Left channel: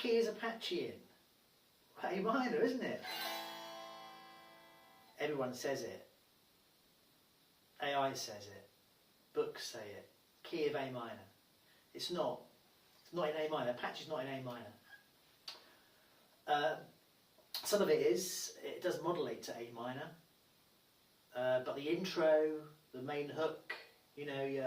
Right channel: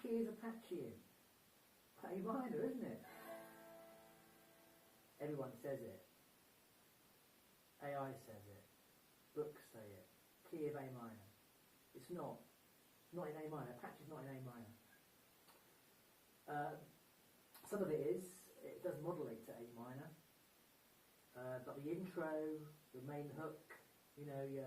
key is Apache in? A minor, isn't it? Everyone says it. AI says it. Books say it. Key of A minor. It's not. It's not in A minor. Apache's not in A minor. Some of it is. It does modulate to A minor. But the intro, the main hook, you know,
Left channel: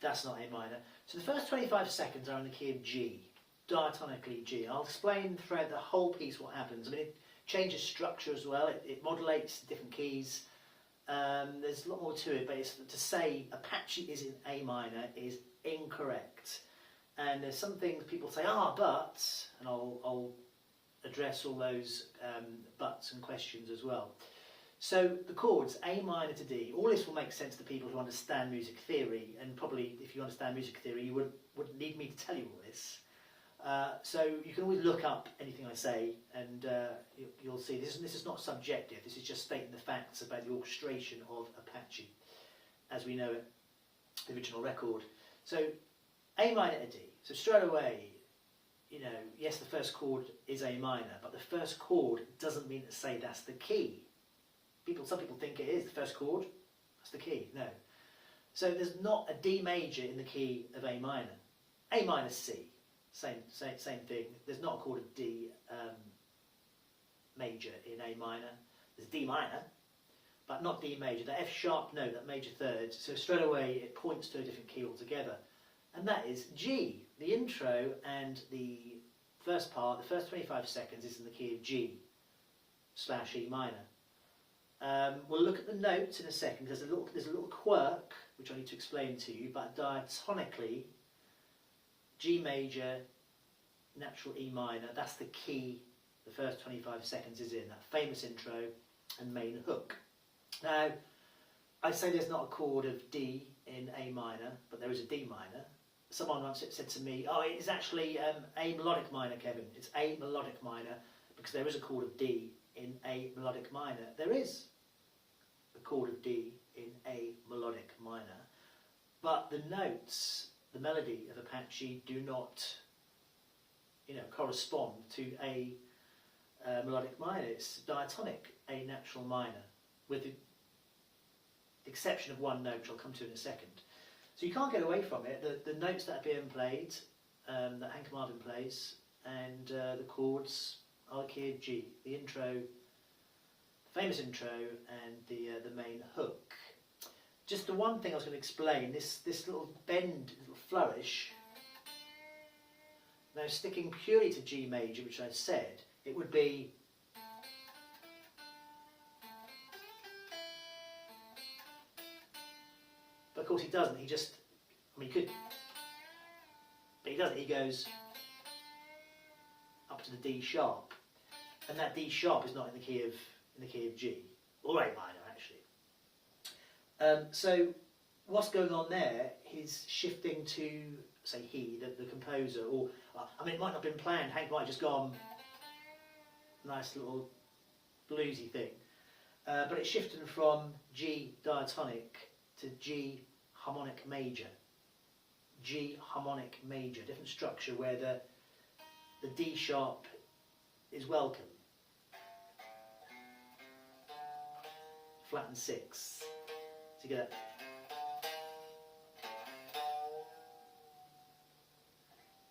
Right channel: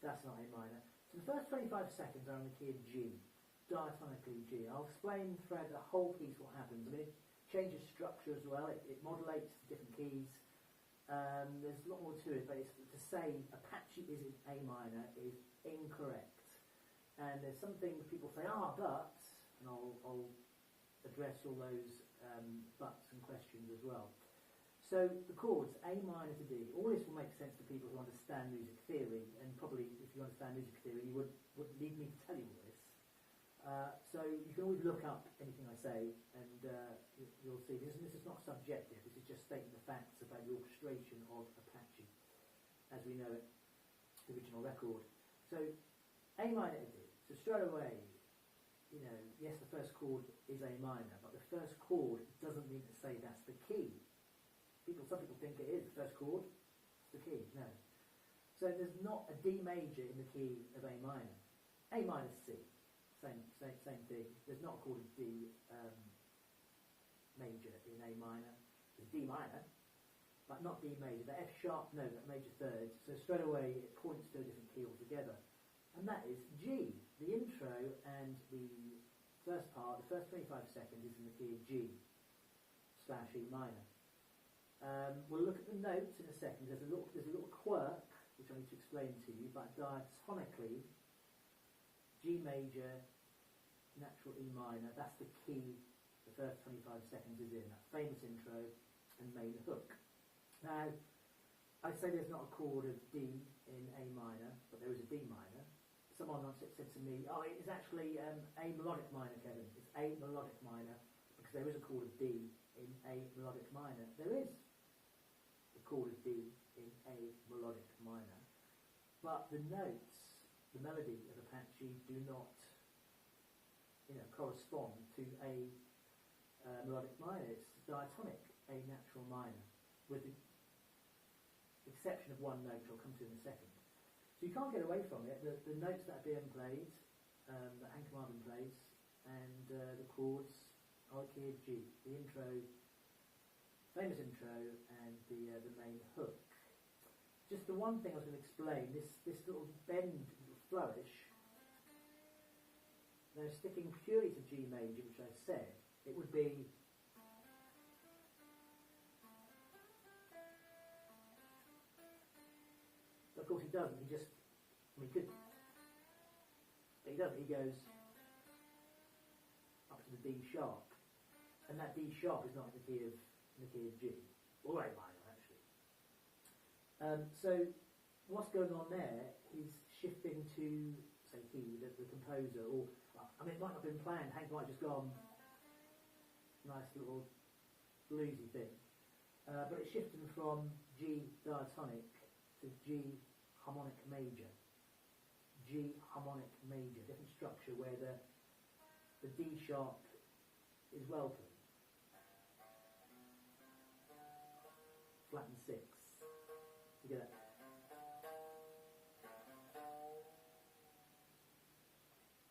that's not A minor. So the first 25 seconds are in the key of G, diatonically G. I'll explain throughout the whole piece what happens. I mean, it changes structure as well. It modulates different keys. There's a lot more to it, but it's, to say Apache is in A minor is incorrect. And there's some things people say, but, and I'll address all those buts and questions as well. So the chords A minor to D, all this will make sense to people who understand music theory, and probably if you understand music theory you wouldn't need me to tell you all this. So you can always look up anything I say, and you'll see this is not subjective, this is just stating the facts about the orchestration of Apache as we know it, the original record. So A minor to D, so straight away, you know, yes, the first chord is A minor, but the first chord doesn't mean to say that's the key. Some people think it is the first chord, that's the key. No. So there's not a D major in the key of A minor. A minor C, same thing. There's not a chord of D major in A minor. There's D minor, but not D major. The F sharp note, that major third, so straight away it points to a different key altogether. And that is G. The intro and the first part, the first 25 seconds is in the key of G / E minor. We'll look at the notes in a second. There's a little quirk which I need to explain to you, but diatonically, G major, natural E minor, that's the key the first 25 seconds is in, that famous intro and main hook. Now, I say there's not a chord of D in A minor, but there is a D minor. Someone once said to me, oh, it's actually A melodic minor, Kevin. It's A melodic minor, because there is a chord of D in A melodic minor. There is a chord of D in A melodic minor, but the notes, the melody of Apache do not, you know, correspond to A melodic minor. It's diatonic A natural minor, with the exception of one note, which I'll come to in a second. So you can't get away from it. The notes that are being played, that Hank Marvin plays, and the chords are the key of G. The intro, famous intro, and the main hook. Just the one thing I was going to explain, this little bend, little flourish. Now sticking purely to G major, which I said, it would be but of course he doesn't, he just, I mean he could, but he doesn't, he goes up to the D sharp, and that D sharp is not in the key of G, or A minor actually. So what's going on there is shifting to, say he, the composer, or, I mean it might not have been planned, Hank might have just gone, nice little bluesy thing, but it's shifting from G diatonic to G harmonic major. G harmonic major, different structure where the D sharp is welcome. Flat and 6. So you get that.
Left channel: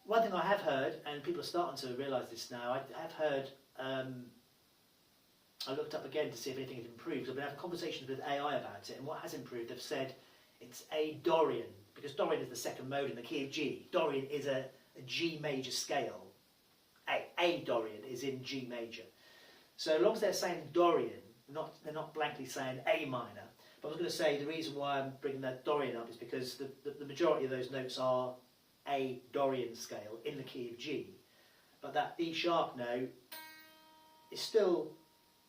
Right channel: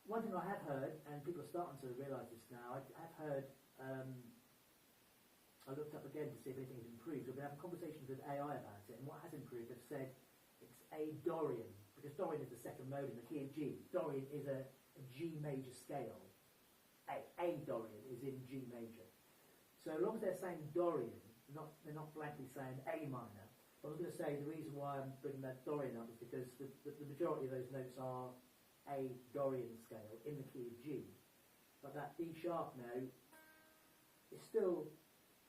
One thing I have heard, and people are starting to realise this now, I have heard, I looked up again to see if anything had improved. I've been having conversations with AI about it, and what has improved, they've said it's A Dorian, because Dorian is the second mode in the key of G. Dorian is a G major scale. A Dorian is in G major. So as long as they're saying Dorian, they're not blankly saying A minor. But I was going to say the reason why I'm bringing that Dorian up is because the majority of those notes are A Dorian scale in the key of G. But that D sharp note is still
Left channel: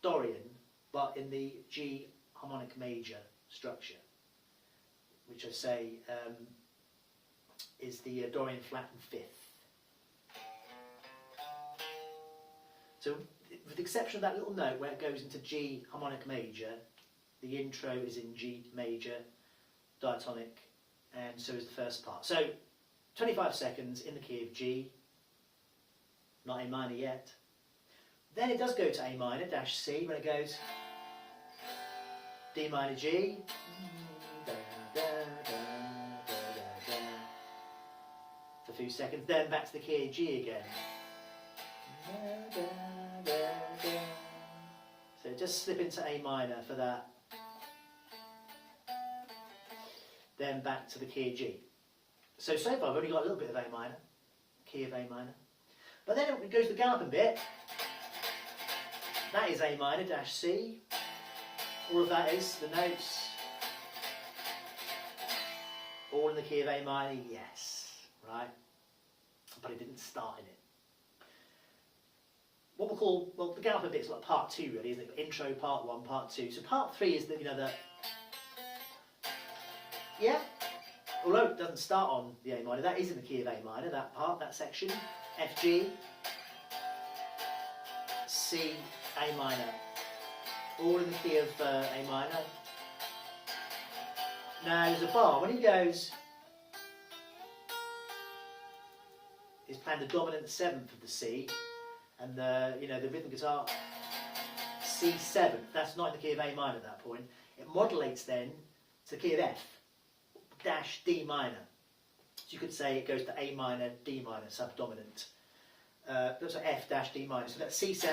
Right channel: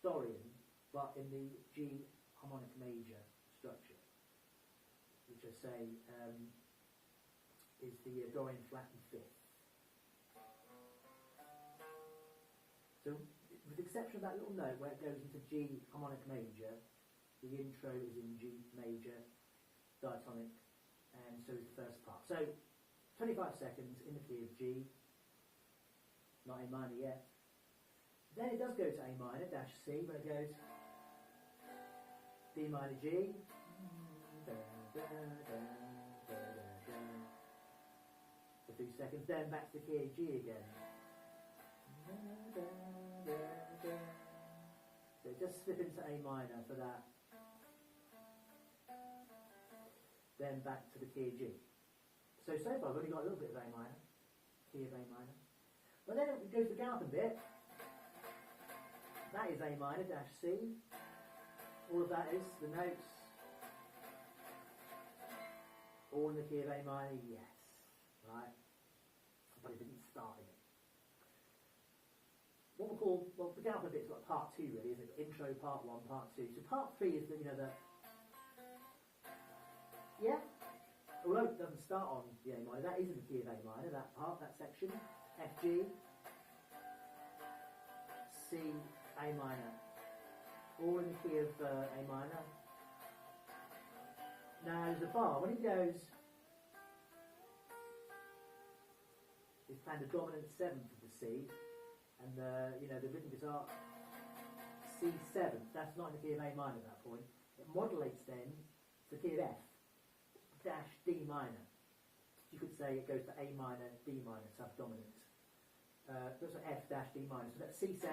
Dorian, but in the G harmonic major structure, which I say is the Dorian flat and fifth. So with the exception of that little note where it goes into G harmonic major, the intro is in G major, diatonic, and so is the first part. So 25 seconds in the key of G, not A minor yet. Then it does go to A minor dash C when it goes D minor G, for a few seconds, then back to the key of G again. So just slip into A minor for that, then back to the key of G. So far I've only got a little bit of A minor, key of A minor. But then it goes to the galloping bit. That is A minor dash C. All of that is the notes. All in the key of A minor, yes, right? But it didn't start in it. What we'll call, well, the galloping bit is like part 2 really, isn't it? Intro, part 1, part 2. So part 3 is the, yeah, although it doesn't start on the A minor, that is in the key of A minor, that part, that section. F, G, C, A minor. All in the key of A minor. Now there's a bar. When he goes, he's playing the dominant 7th of the C, and the rhythm guitar C7. That's not in the key of A minor at that point. It modulates then to the key of F dash D minor. So you could say it goes to A minor, D minor, subdominant. So F dash D minor. So that's C7.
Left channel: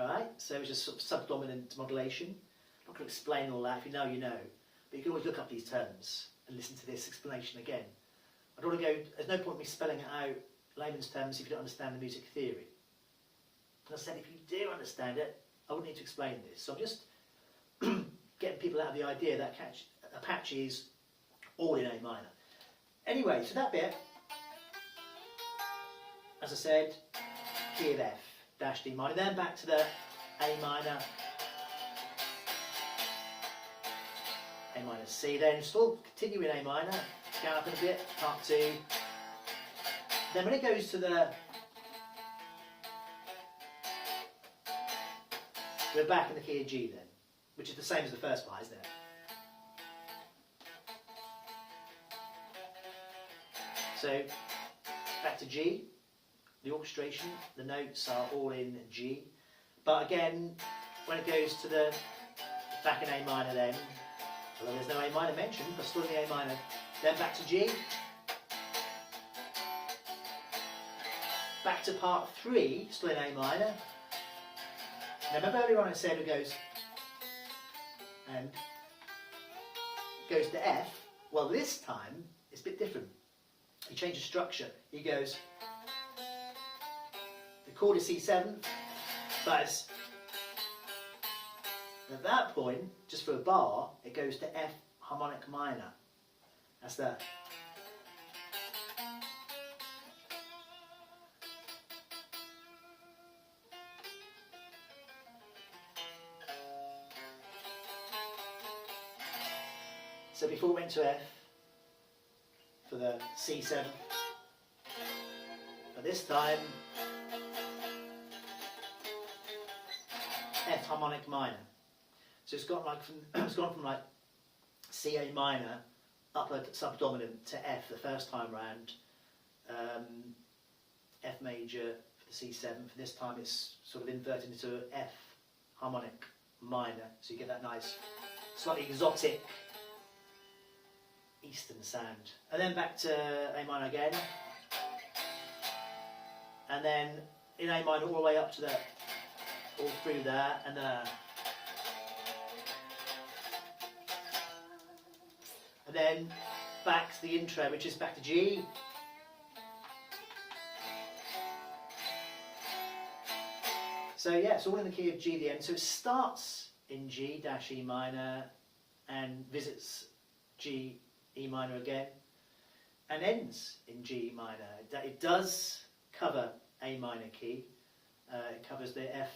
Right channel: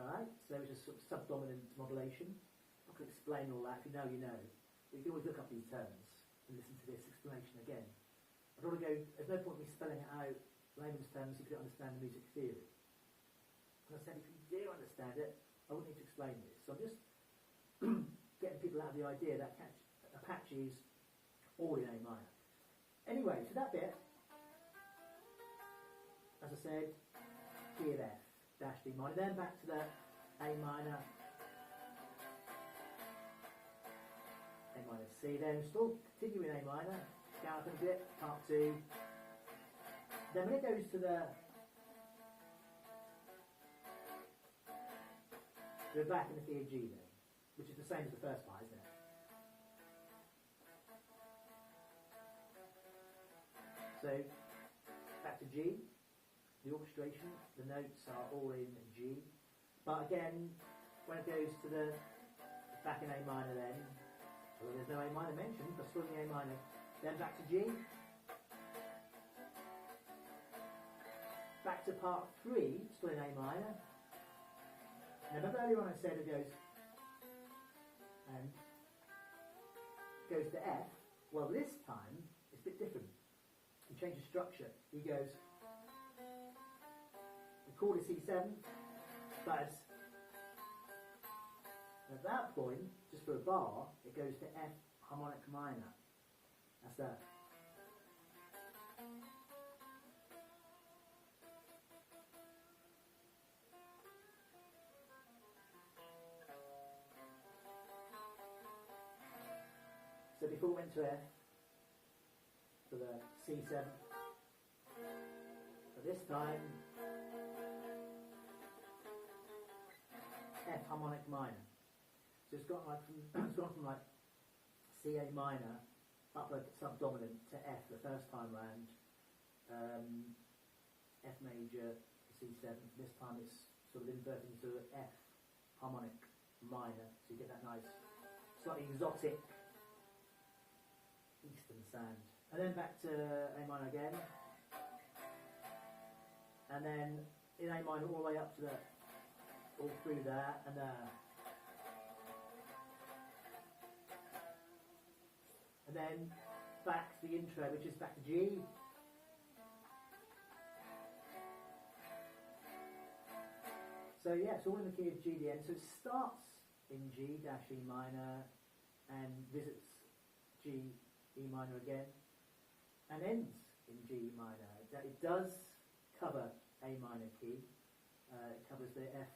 Alright, so it's just sort of subdominant modulation. I'm not going to explain all that. If you know, you know. But you can always look up these terms and listen to this explanation again. I don't want to go, there's no point in me spelling it out layman's terms if you don't understand the music theory. And I said if you do understand it, I wouldn't need to explain this. So I'm just getting people out of the idea that Apache is all in A minor. Anyway, so that bit, as I said, key of F, dash D minor, then back to the A minor, A minor C, then still continue in A minor, galloping a bit, part 2. Then when it goes to the, we're back in the key of G then, which is the same as the first part, isn't it? So, back to G, the orchestration, the notes are all in G. But again, when it goes to the back in A minor then, well, there's no A minor mentioned, but still in the A minor. Then back to G. Back to part 3, still in A minor. Now remember earlier on I said it goes and goes to F. Well, this time it's a bit different. He changes structure. He goes, the chord is C7, but at that point, just for a bar, it goes to F harmonic minor. That's the. So before it went to F, for the C7, but this time F harmonic minor. So it's got like it's gone from like C A minor upper subdominant to F the first time round, F major for the C7. For this time it's sort of inverted into F harmonic minor, so you get that nice slightly exotic Eastern sound. And then back to A minor again, and then in A minor all the way up to the, all through there, and then back to the intro, which is back to G. So yeah, it's all in the key of G at the end. So it starts in G dash E minor and visits G E minor again, and ends in G minor. It does cover A minor key. It covers the F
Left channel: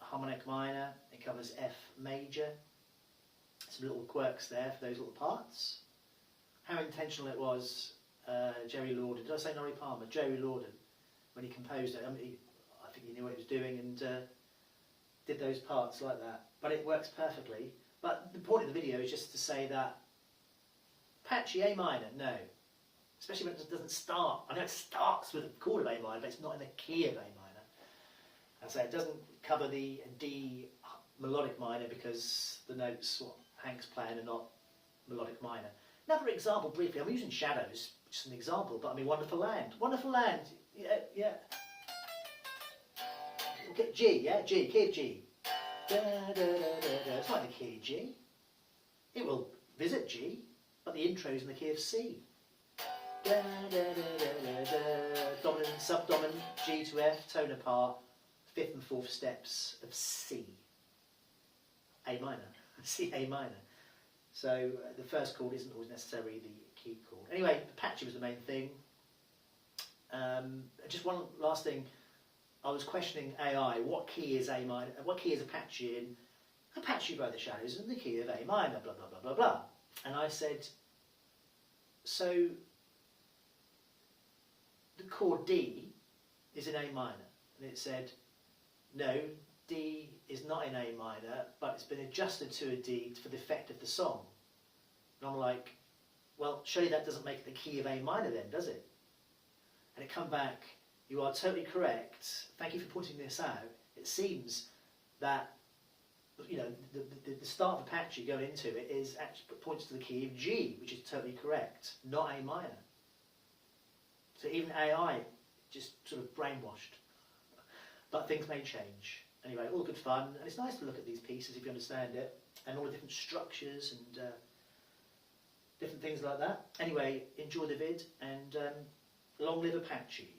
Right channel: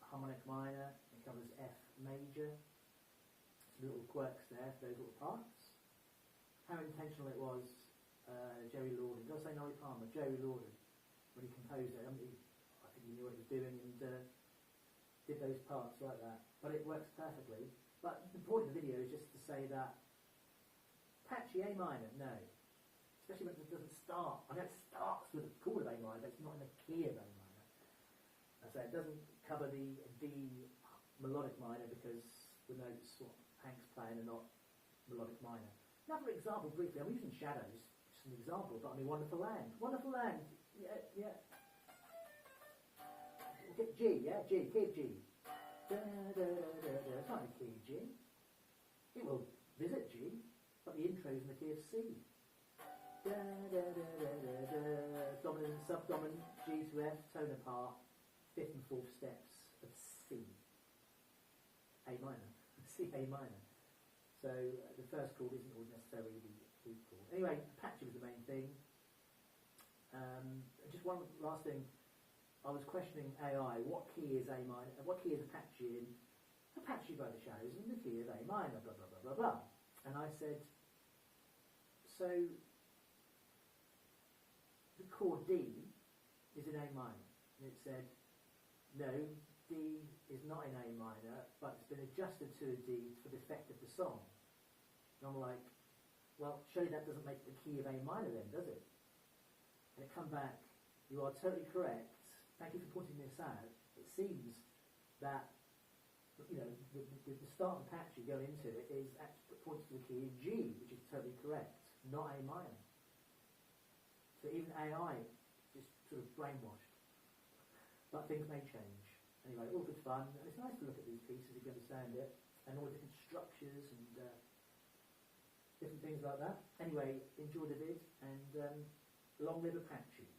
harmonic minor. It covers F major. Some little quirks there for those little parts. How intentional it was, Jerry Lorden. Did I say Norrie Palmer? Jerry Lorden, when he composed it. I think he knew what he was doing and did those parts like that. But it works perfectly. But the point of the video is just to say that Apache A minor, no. Especially when it doesn't start. I know it starts with a chord of A minor, but it's not in the key of A minor. And so it doesn't cover the D melodic minor because the notes what Hank's playing are not melodic minor. Another example, briefly, I'm using Shadows, just an example, but I mean Wonderful Land. Wonderful Land, yeah. Okay, G, yeah, G, key of G. Da, da, da, da. It's like the key of G. It will visit G, but the intro is in the key of C. Da, da, da, da, da, da. Dominant, subdominant, G to F, tone apart, 5th and 4th steps of C. A minor, C A minor. So the first chord isn't always necessarily the key chord. Anyway, Apache was the main thing. Just one last thing. I was questioning AI. What key is A minor? What key is Apache in? Apache by the Shadows in the key of A minor. Blah blah blah blah blah. And I said, so the chord D is in A minor, and it said, no, D is not in A minor, but it's been adjusted to a D for the effect of the song. And I'm like, well, surely that doesn't make it the key of A minor then, does it? And it come back, you are totally correct. Thank you for pointing this out. It seems that the start of Apache going into it is actually points to the key of G, which is totally correct, not A minor. So even AI just sort of brainwashed. But things may change. Anyway, all good fun, and it's nice to look at these pieces if you understand it, and all the different structures and different things like that. Anyway, enjoy the vid, and long live Apache.